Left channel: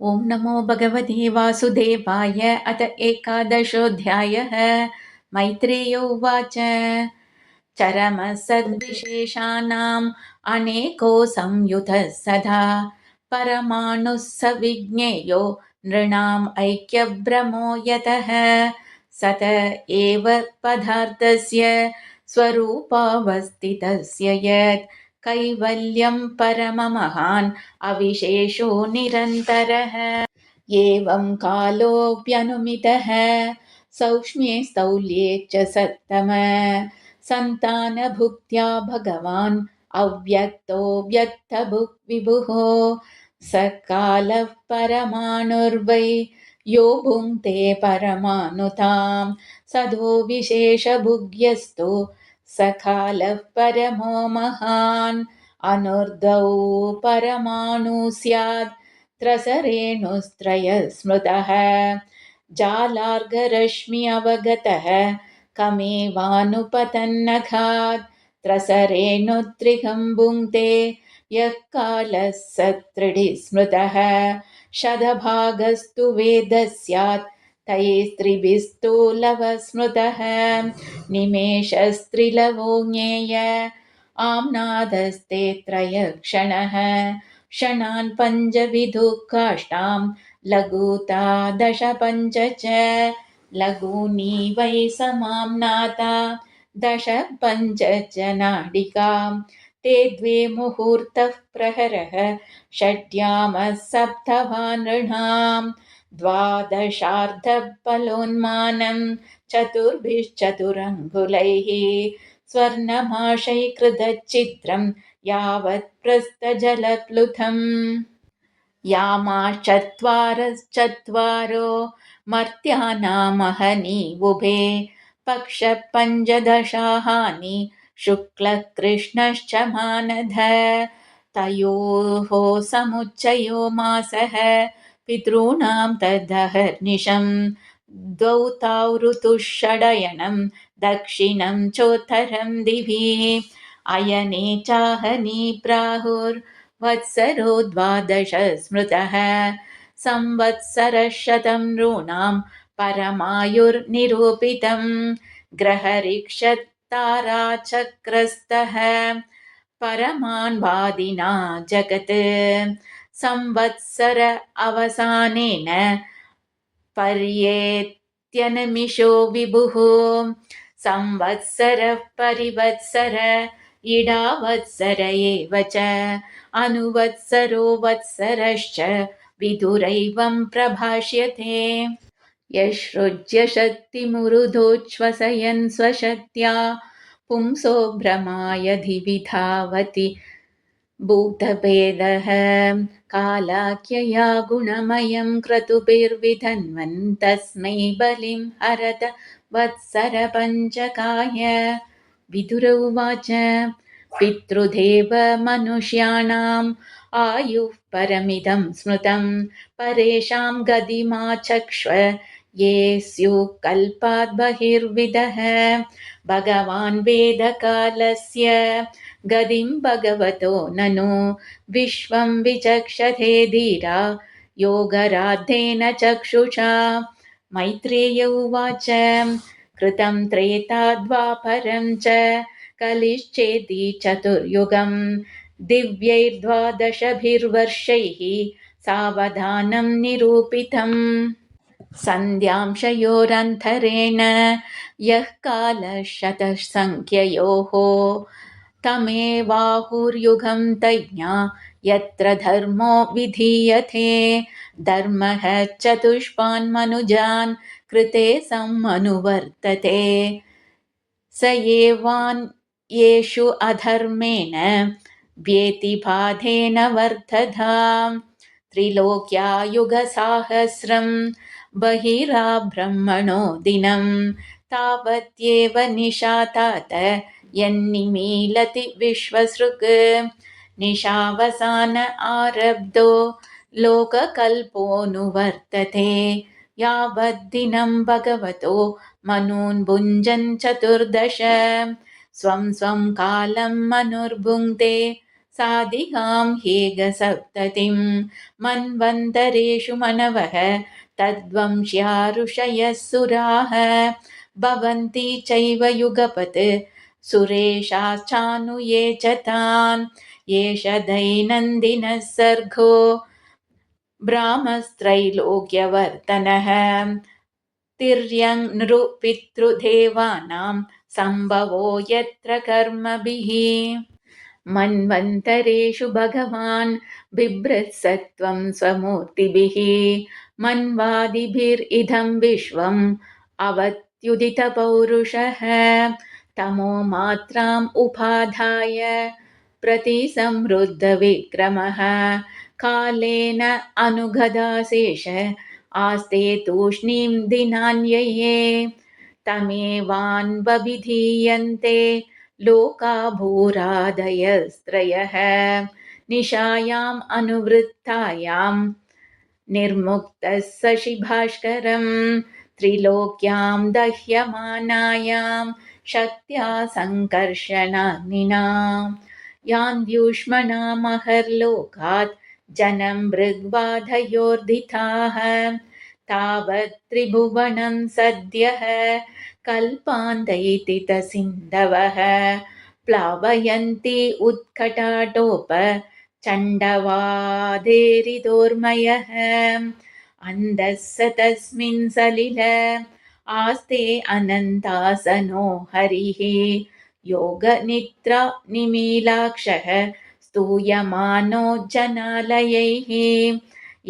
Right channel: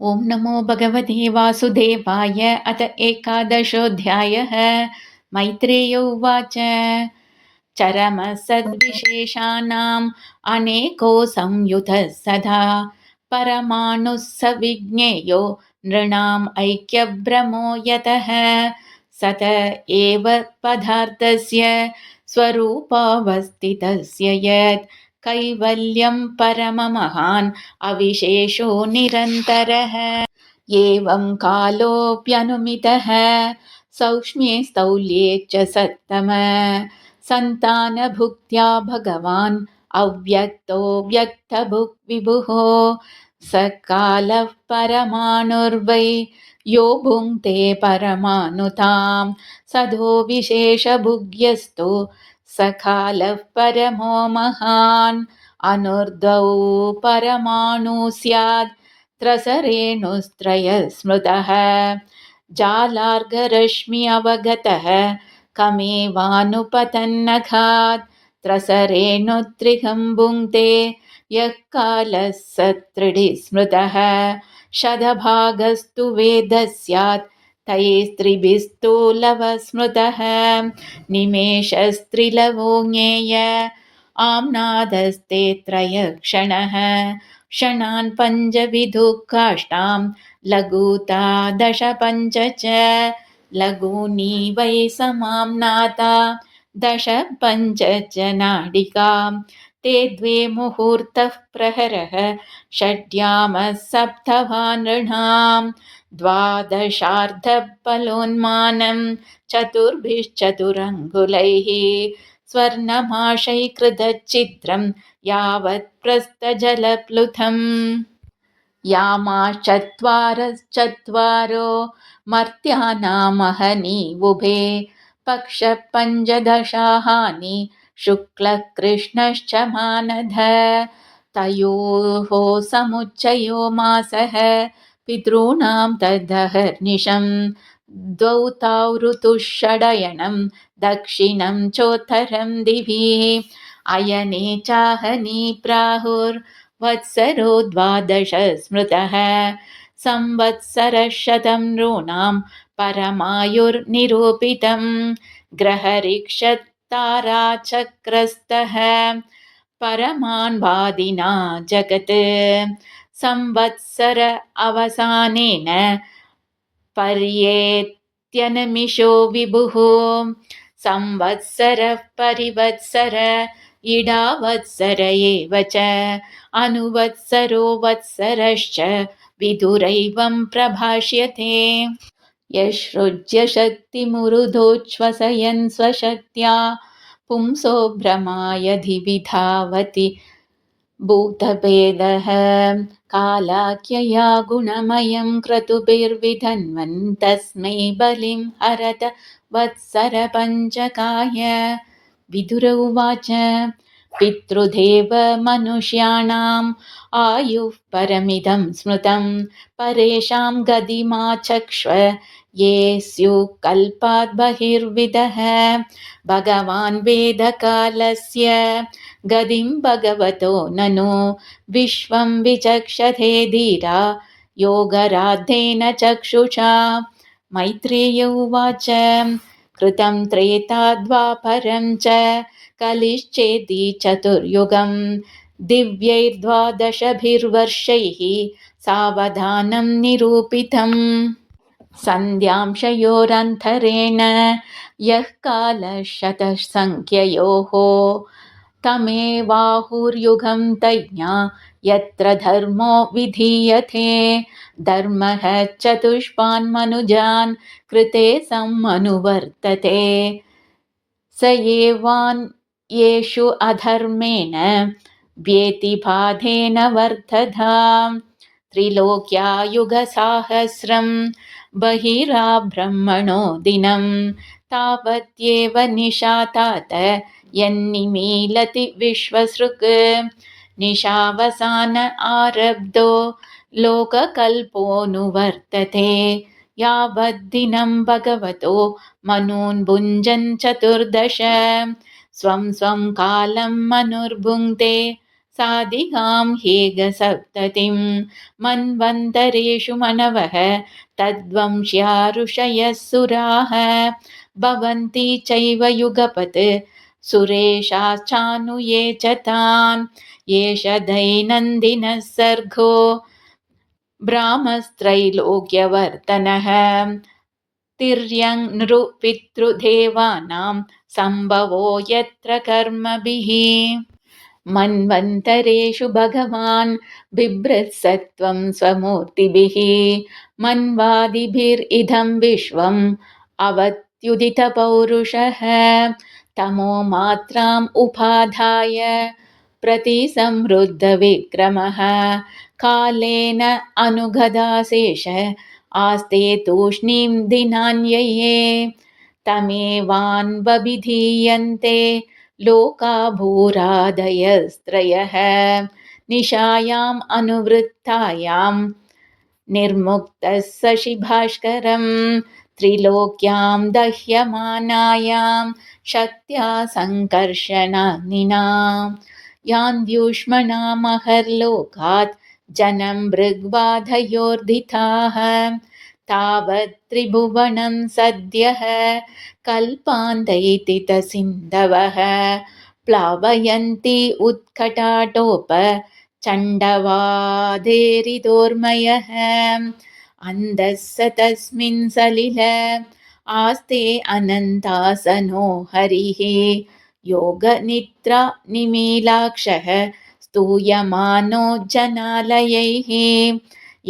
ॐ नमो भगवते वासुदेवाय। अथ एकादशोऽध्यायः। मैत्रेय उवाच। चरमसद्विशेषाणाम् अनेको संयुतः सदा परमाणुः स विज्ञेयो नृणाम् ऐक्यभ्रमो यतः सत एव पदार्थस्य स्वरूपावस्थितस्य यत् कैवल्यं परममहान् अविशेषो निरन्तरः। एवं कालोऽप्यनुमितः सौक्ष्म्ये स्थौल्ये च सत्तम सन्तानभुक्त्या भगवान् अव्यक्तो व्यक्तभुक् विभुः स कालः परमाणुर्वै यो भुङ्क्ते परमाणुतां सदो विशेषभुग्यस्तु स कालः परमो महान् अनुर्धौ परमाणु स्यात् त्रसरेणुस्त्रय स्मृतः जालार्गरश्मि अवगतः कमेवानुपतन्नघात् त्रसरेणुत्रिकं भुङ्क्ते यः कालः स त्रिडि स्मृतः शतभागस्तु वेदः स्यात् तैस्त्रिभिस्तु लवः स्मृतः निमेषस्त्रिलवो ज्ञेय आम्नादस्ते त्रयक्षणः क्षणान् पञ्चविधुः काष्ठां लघुता दश पञ्च च लघूनि वै समाम्नाता दश पञ्च च नाडिकां ते द्वे मुहूर्तः प्रहरः षड्यामः सप्तभानृणां द्वादशार्धफलोन्मानं चतुर्भिश्चतुरङ्गुलैः स्वर्णमाशैकृतचित्रं यावत् प्रस्थजलप्लुतम् यामाश्चत्वारश्चत्वारो मर्त्यानामहनीवुभे पक्षपञ्चदशाहानि शुक्लः कृष्णश्च मानध तयोः समुच्चयो मासः पितॄणां तदहर्निशं द्वौ ताौ ऋतुः षडयनं दक्षिणं चोत्तरं दिवि अयने चाहनी प्राहुर्वत्सरो द्वादश स्मृतः संवत्सरशतं नॄणां परमायुर्निरूपितं ग्रहरिक्षत्ताराचक्रस्तः परमान् वादिना जगत् संवत्सर अवसानेन पर्येत्यनमिषो विभुः संवत्सरः परिवत्सर इडावत्सर एव च अनुवत्सरो वत्सरश्च विदुरैवं प्रभाष्यते यसृज्य शक्तिमुरुधोच्छ्वसयन् स्वशक्त्या पुंसो भ्रमाय धिविधावति भूतभेदः कालाख्यया गुणमयं क्रतुभिर्विधन्वन् तस्मै बलिं हरत वत्सरपञ्चकाय विदुर उवाच पितृदेव मनुष्याणाम् आयुः परमिदं स्मृतं परेषां गतिमाचक्ष्व ये स्युः कल्पात् बहिर्विदः भगवान् वेदकालस्य गतिं भगवतो ननु विश्वं विचक्षते धीरा योगराद्धेन चक्षुषा मैत्रेय उवाच कृतं त्रेता द्वापरं च कलिश्चेति चतुर्युगं दिव्यैर्द्वादशभिर्वर्षैः सावधानं निरूपितम् सन्ध्यांशयोरन्तरेण यः कालः शतसङ्ख्ययोः तमेवाहुर्युगं तज्ञा यत्र धर्मो विधीयते धर्मः चतुष्पान् मनुजान् कृते सम्मनुवर्तते स एवान् येषु अधर्मेण व्यतिबाधेन वर्तताम् त्रिलोक्यायुगसाहस्रं बहिराब्रह्मणो दिनं तावत्येव निशातात यन्निमीलति विश्वसृक् निशावसान आरब्धो लोककल्पोऽनुवर्तते यावद्दिनं भगवतो मनून् भुञ्जन् चतुर्दश स्वं स्वं कालं मनुर्भुङ्क्ते साधिकां हेगसप्ततिं मन्वन्तरेषु मनवः तद्वंश्या ऋषयः सुराः भवन्ति चैव युगपत् सुरेशाश्चानुये च तान् एष दैनन्दिनः सर्गो ब्राह्मस्त्रैलोक्यवर्तनः तिर्यङ् नृपितृदेवानां सम्भवो यत्र कर्मभिः मन्वन्तरेषु भगवान् बिभ्रत्सत्वं स्वमूर्तिभिः मन्वादिभिरिदं विश्वम् अवत्युदितपौरुषः तमो मात्राम् उपाधाय प्रतिसंवृद्धविक्रमः कालेन अनुगदाशेष आस्ते तूष्णीं दिनान्यये तमेवान्वभिधीयन्ते लोका भूरादयस्त्रयः निशायाम् अनुवृत्तायां निर्मुक्तः शशिभास्करं त्रिलोक्यां दह्यमानायां शक्त्या सङ्कर्षणानिना यान्द्युष्मणामहर्लोकात् जनं मृग्बाधयोर्धिताः तावत् त्रिभुवनं सद्यः कल्पान्तैतितसिन्धवः प्लावयन्ति उत्कटाटोप चण्डवादेरिदोर्मयः अन्धः स तस्मिन् सलिल आस्ते अनन्तासनो हरिः योगनिद्रा निमीलाक्षः स्तूयमानो जनालयैः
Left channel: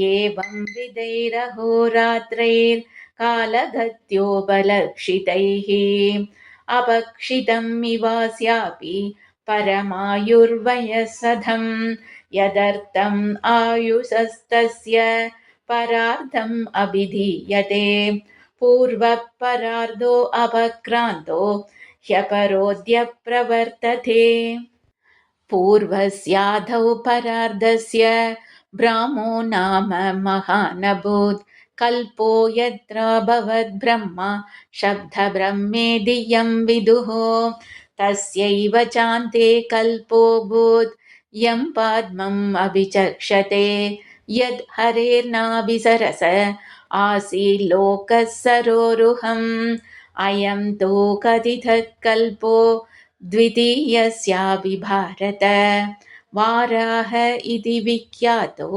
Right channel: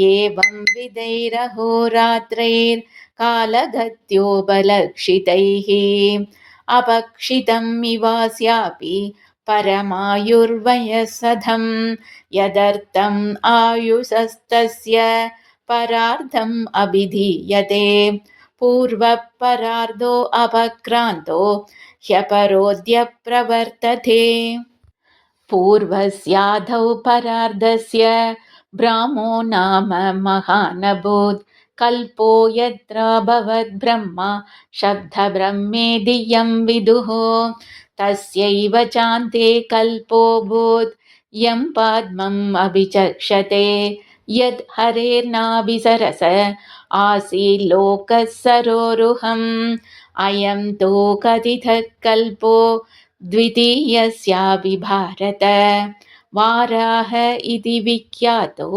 एवं विदैरहोरात्रैर्कालगत्योपलक्षितैः अपक्षितम् इवास्यापि परमायुर्वयसधं यदर्थम् आयुषस्तस्य परार्धम् अभिधीयते पूर्वः परार्धो अपक्रान्तो ह्यपरोऽद्य प्रवर्तते पूर्वस्याधौ परार्धस्य ब्राह्मो नाम महानभूत् कल्पो यत्र भवद्ब्रह्म शब्दब्रह्मेदियं विदुः तस्यैव चान्ते कल्पोऽभूत् यं पाद्मम् अभिचक्षते यद् हरेर्नाभिसरस आसील्लोकः सरोरुहम् अयं तु कथितः कल्पो द्वितीयस्यापि भारत वाराह इति विख्यातो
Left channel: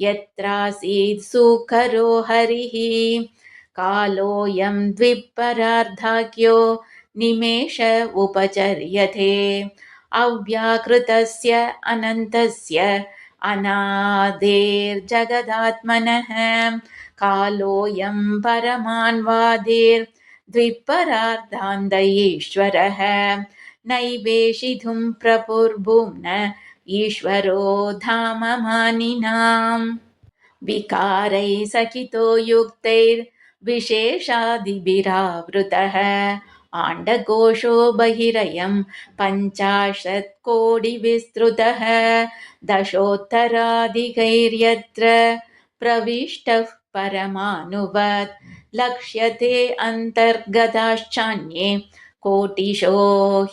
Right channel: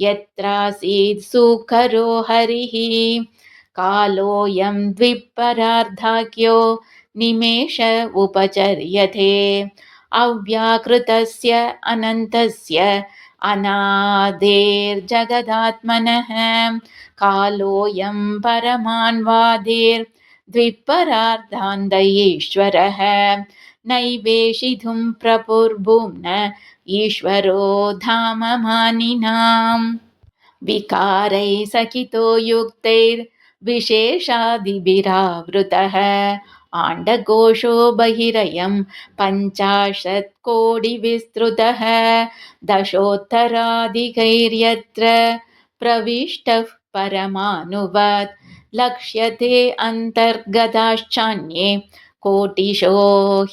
यत्रासीत् सुकरो हरिः कालोऽयं द्विपरार्धाख्यो निमेष उपचर्यते अव्याकृतस्य अनन्तस्य अनादेर्जगदात्मनः कालोऽयं परमान्वादेर्द्विपरार्धान्त नैवेशितुं प्रपुर्भुम्न ईश्वरो धाममानिनाम् विकारैः सकितो युक्तैर्विशेषादिभिरावृतः आण्डकोशो बहिरयं 50,000,000,000विस्तृतः दशोत्तराधिकैर्यत्र प्रविष्टः परमाणुवत् लक्ष्यते अन्तर्गताश्चान्ये कोटिशो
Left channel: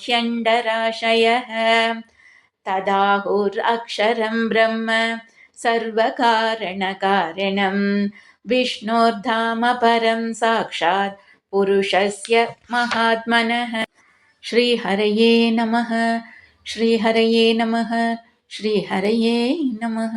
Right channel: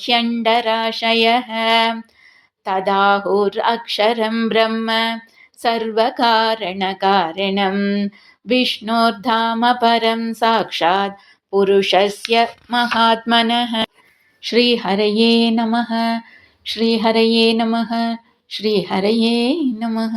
ह्यण्डराशयः तदाहुरक्षरं ब्रह्म सर्वकारणकारणं विष्णोर्धाम परं साक्षात् पुरुषस्य महात्मनः श्रीहरये नमः श्रीहरये नमः श्रीहरये नमः।